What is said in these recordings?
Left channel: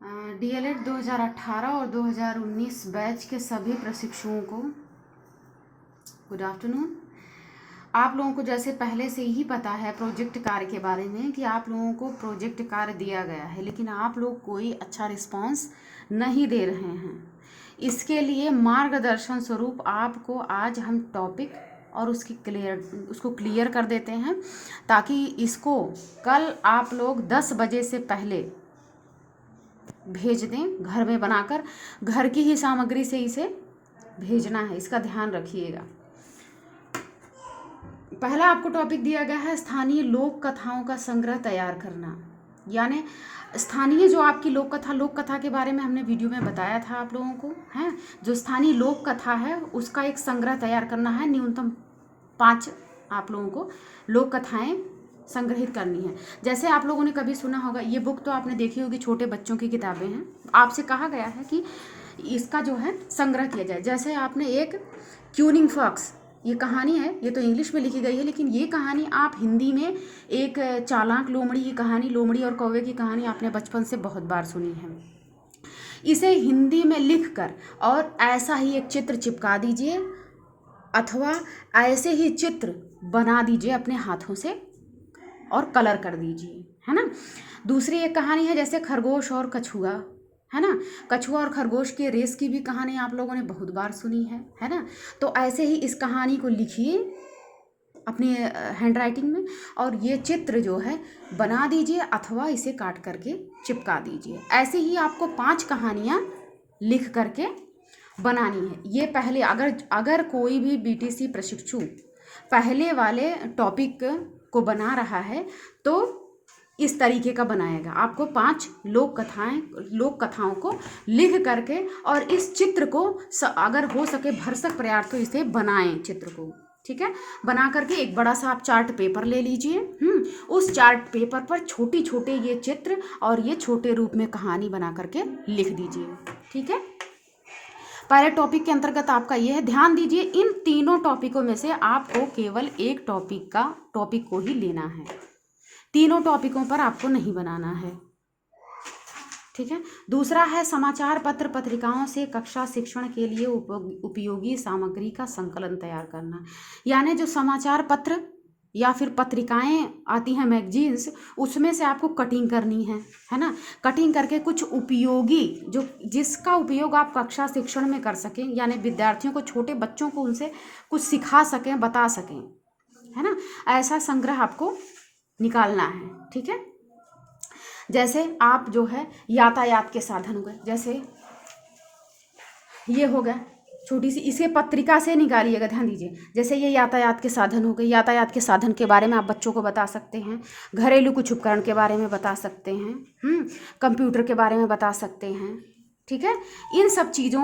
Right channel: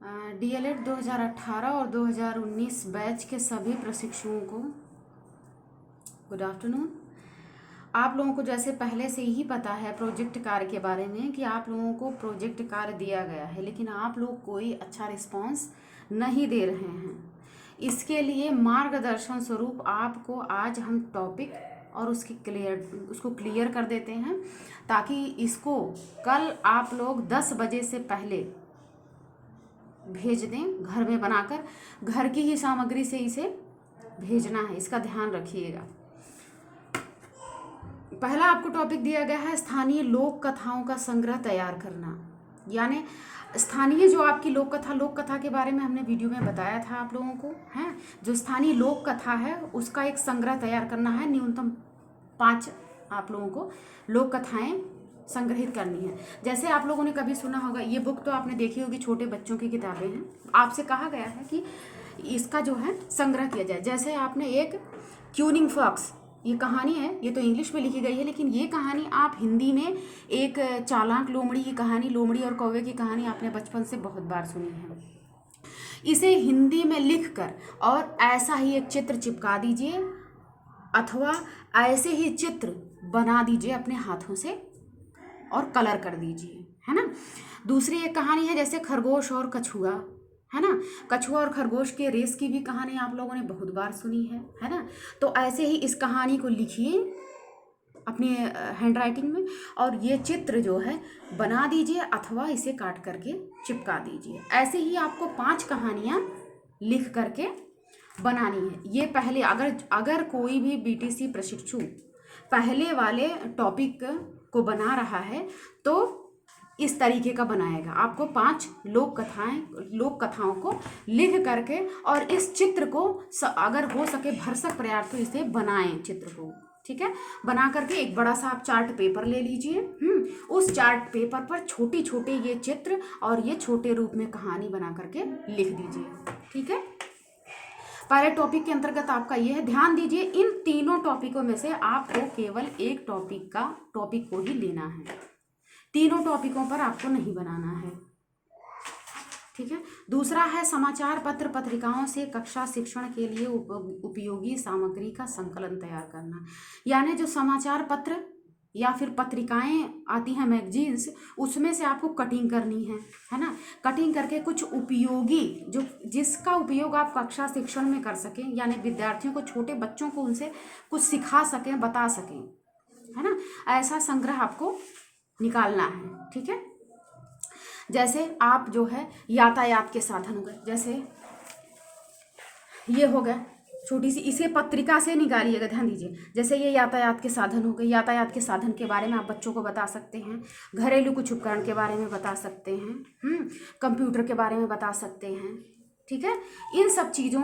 DElEd 2018 और 2019 batch के सभी प्रशिक्षुओं को गुड आफ्टरनून। आप लोगों को जैसे पहले से ही पता है प्रोजेक्ट कार्य के बारे में कि आप लोगों को प्रोजेक्ट कार्य दिया गया है, लेकिन आप लोग कोई अच्छा रिस्पांस नहीं दे रहे हैं। इसके लिए मार्गदर्शन स्वरूप आपको आज हम टॉपिक और उसको क्लियर कर देते हैं, ताकि इसको कल आप लोग 10 बजे से पहले भेज दें। घर में बनाकर घर की ही सामग्री से इसे भेजना है, इसका ध्यान रखिएगा। पहला आपको टॉपिक दिया गया है स्थानीय लोक कथाओं का संग्रह तैयार करना। यानी स्थानीय जो आपकी लोक कथा के बारे में हमने वीडियो में बताया था आप लोगों को, हैं जो स्थानीय लोक कथा है उसका एक संग्रह तैयार करना है। न्यूनतम 5 आप लोगों को लोक कथाएं संग्रहित करनी है। जैसे आप लोगों ने कभी सुना होगा, ये बुक तो आपने देखी होगी, छोटे बच्चों की किताबें हैं। आपसे कहा गया है कि इसका जो है संग्रह किया जाए। जैसे आपने एक क्यूनिंग फॉक्स, ये कहानी है, ये तो इंग्लिश में लिखी गई है, लेकिन ये कहानी आप हिंदी में एक चालाक लोमड़ी की कहानी, लोमड़ी और कौवे की कहानी आपने बचपन से बहुत बार सुनी है। इसे हिंदी में लिखकर और ऐसा ही एक चित्र चिपका दीजिए अथवा ऐसे ही चित्र बना दीजिए अपने हाथों से और कलर कर दीजिए, है ना। दूसरी एक कहानी है जैसे खरगोश और कछुआ, है ना। कछुआ और खरगोश के रेस की भी कहानी आप लोगों ने बहुत बार सुनी है ना। तो ऐसे ही इस कहानी को लिखिए अपनी हैंड राइटिंग में और ये चित्र जो है बना दीजिए अथवा इसे काट करके चिपका दीजिए। ऐसे ही आपको 5 कहानियाँ लिख करके बनानी है। ये पहले अगर कोई भी बीटीसी प्रशिक्षु पहले वाले टॉपिक को बना रहा है तो इस तरीके का बनाएगा। आपको 5 लोक कथाओं को लिख करके और इस चित्र को अगर हो सके भरसक प्रयास तो इसे बनाएं चित्र को, ठीक है। बना करके एक बड़ा सा आप चार्ट पेपर ले लीजिए। उस चार्ट पेपर पर छोटे छोटे ये चित्र और ये छोटे रूप में कहानी बना करके लिख दीजिए, ठीक है। पहले टॉपिक के अंतर्गत आपका ये है, ध्यान दीजिए इन तीनों टॉपिकों में से आपको केवल एक टॉपिक को ही लेना है। तीनों टॉपिकों पर आपको नहीं बनाना है, ठीक है। दूसरा है समाचार पत्र पत्रिकाओं से कक्षा शिक्षण के लिए उपयोगी सामग्री का संकलन तैयार करना। यानी जो समाचार पत्र या फिर पत्रिकाएं आती हैं, मैगजीन्स, उसमें से आपको कटिंग करनी है ना। कटिंग करके कुछ उपयोगी जिसका उपयोग आप कक्षा शिक्षण में कर सकें, यानी विद्यार्थियों को, छोटे बच्चों को उनसे कुछ सिखा सकें, बता सकें, है ना। ऐसा संग्रह आपको निकालना है, ठीक है। जैसे आप जो है यातायात के साधन हो गए, जैसे ये हो गए छोटी सी, इसे पत्रिका से निकालिएगा, ध्यान दीजिए। जैसे ये यातायात के साधन हो गए, यातायात के साधन के बारे में आप बच्चों को बता सकते हैं। घरेलू कुछ उपकरण के बारे में बता सकते हैं, कंप्यूटर के बारे में बता सकते हैं, ठीक है। इन सब चीज़ों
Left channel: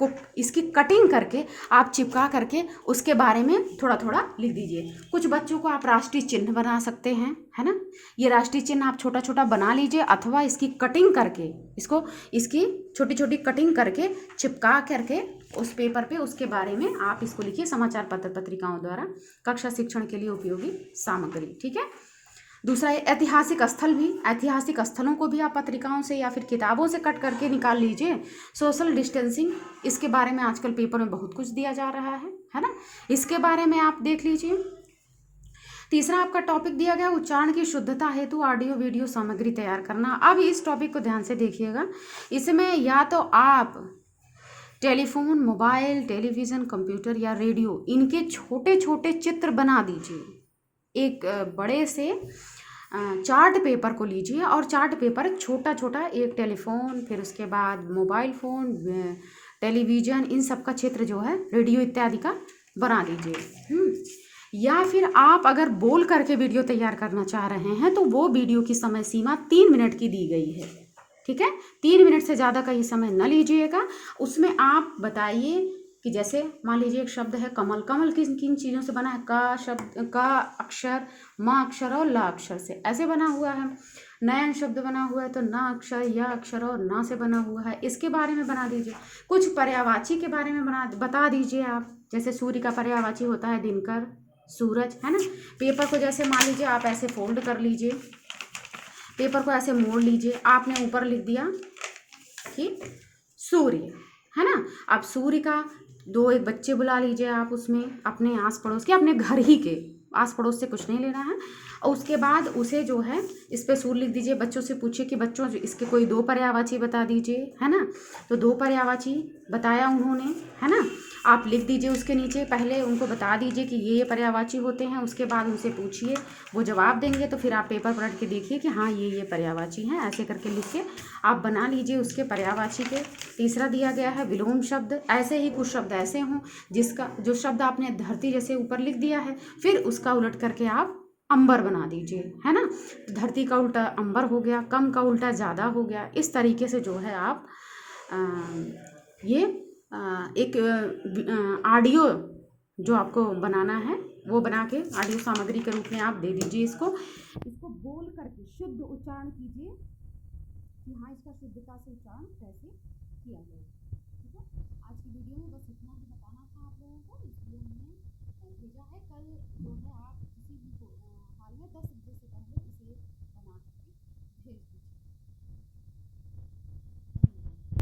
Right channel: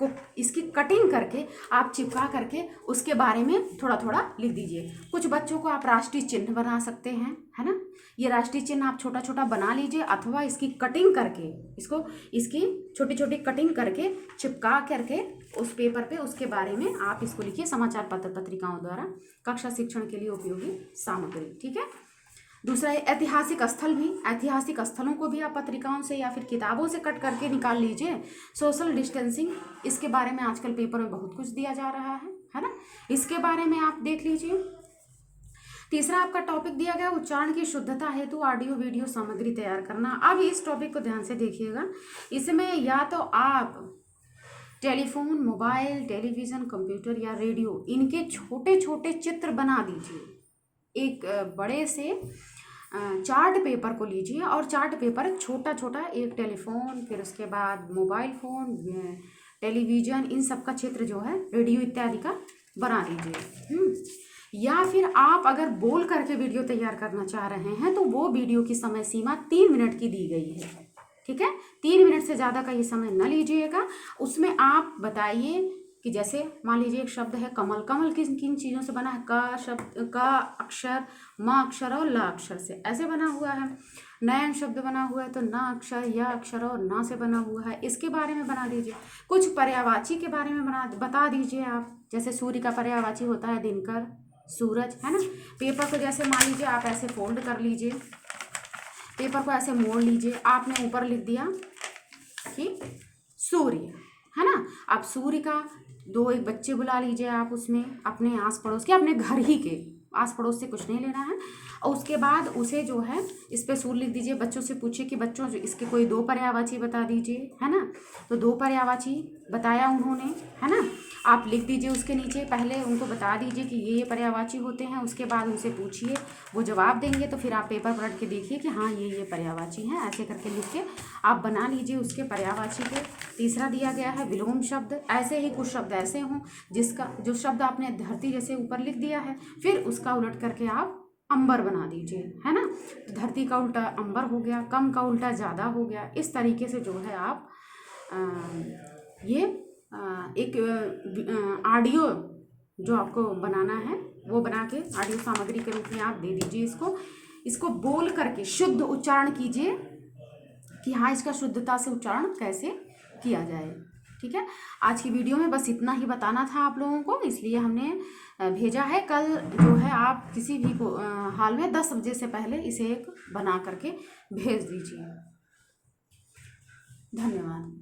को इसकी कटिंग करके आप चिपका करके उसके बारे में थोड़ा थोड़ा लिख दीजिए। कुछ बच्चों को आप राष्ट्रीय चिन्ह बना सकते हैं, है ना। ये राष्ट्रीय चिन्ह आप छोटा छोटा बना लीजिए अथवा इसकी कटिंग करके इसकी छोटी छोटी कटिंग करके चिपका करके उस पेपर पे उसके बारे में आप इसको लिखिए, समाचार पत्र पत्रिकाओं द्वारा कक्षा शिक्षण के लिए उपयोगी सामग्री, ठीक है। दूसरा ऐतिहासिक ऐतिहासिक स्थलों को भी आप पत्रिकाओं से या फिर किताबों से कट करके निकाल लीजिए। सोशल डिस्टेंसिंग, इसके बारे में आजकल पेपर में बहुत कुछ दिया जा रहा है ना, इसके बारे में आप देख लीजिए। तीसरा आपका टॉपिक दिया गया उच्चारण की शुद्धता हेतु ऑडियो वीडियो सामग्री तैयार करना। अब इस टॉपिक को ध्यान से देखिएगा। इसमें या तो आप टेलीफोन, मोबाइल, टेलीविज़न, कंप्यूटर या रेडियो, इनके छोटे छोटे चित्र बना दीजिए। एक बड़े से चार्ट पेपर को लीजिए और चार्ट पेपर छोटा छोटा, एक टेलीफोन, फिर उसके बाद मोबाइल फ़ोन, टेलीविज़न, इन सब का चित्र जो है, रेडियो इत्यादि का बना दीजिए। या फिर आप अगर बोल करके वीडियो तैयार करना चाह रहे हैं तो वो वीडियो की समय सीमा 3 मिनट की दी गई है, ठीक है। 3 मिनट से ज़्यादा का ये समय न लीजिएगा। उसमें आप बताइए कि जैसे मान लीजिए एक शब्द है कमल, कमल किन किन चीज़ों से बना है, का अक्षर, म अक्षर और ला अक्षर से ऐसे बना हुआ है। नयन शब्द बना हुआ है तो न अक्षर, या अक्षर और ना से बना हुआ है, इसके बारे में बना दीजिए। कुछ पर्यायवाची के बारे में बता दीजिए आप। जैसे सूर्य का पर्यायवाची होता है दिनकर, सूरज, है ना। पेपर को जैसे मान लीजिए आप ऐसे फोल्ड कर लीजिए, पेपर को ऐसे मोड़ लीजिए, आपने ऊपर लिख दिया रखी सूर्य, है ना। अब सूर्य का दो एक बच्चे बुला लीजिए आप उसमें, अपने आस पड़ोस के, अपने घर ही के, आस पड़ोस से कुछ नहीं लेना है। और उसके बाद उसे जो है इस पे सूर्य लिख दीजिए। बच्चों से पूछिए कि बच्चों इसके कोई दो पर्यायवाची बता दीजिए, है ना। तो दो पर्यायवाची बताया उन्होंने, है ना। आप लिख दीजिए उसके नीचे, पहले उनको बता दीजिए कि ये पर्यायवाची होते हैं, उसके बाद उनसे पूछिए, वो जवाब देंगे तो फिर आप पेपर पलट के देखिए कि हाँ ये पर्यायवाची हैं, ऐसे करके लिख के आप बना लीजिए उसके पर्यायवाची के। तीसरा दिया गया है विलोम शब्द। ऐसे ही कुछ शब्द ऐसे हों जिसका जो शब्द आपने धरती जैसे ऊपर लिख दिया है, फिर उसका उलट करके आप अंबर बना दीजिए, है ना। धरती का उल्टा अंबर हो गया, कम का उल्टा ज़्यादा हो गया। इस तरीके से जो है आप ये एक ऑडियो जो आपको बनाना है वो बना के ऑडियो सामग्री के रूप में आप दे दीजिए इसको बोल करके शुद्ध उच्चारण कीजिए कि हाँ इसका शुद्धता से उच्चारण कैसे किया जाए। ठीक है, आज की वीडियो में बस इतना ही बताना था आप लोगों को, इसलिए हमने भेजा है। कल जो है आप किसी भी हाल में 10 बजे से पहले इसे एक बना करके भेज दीजिए। धन्यवाद।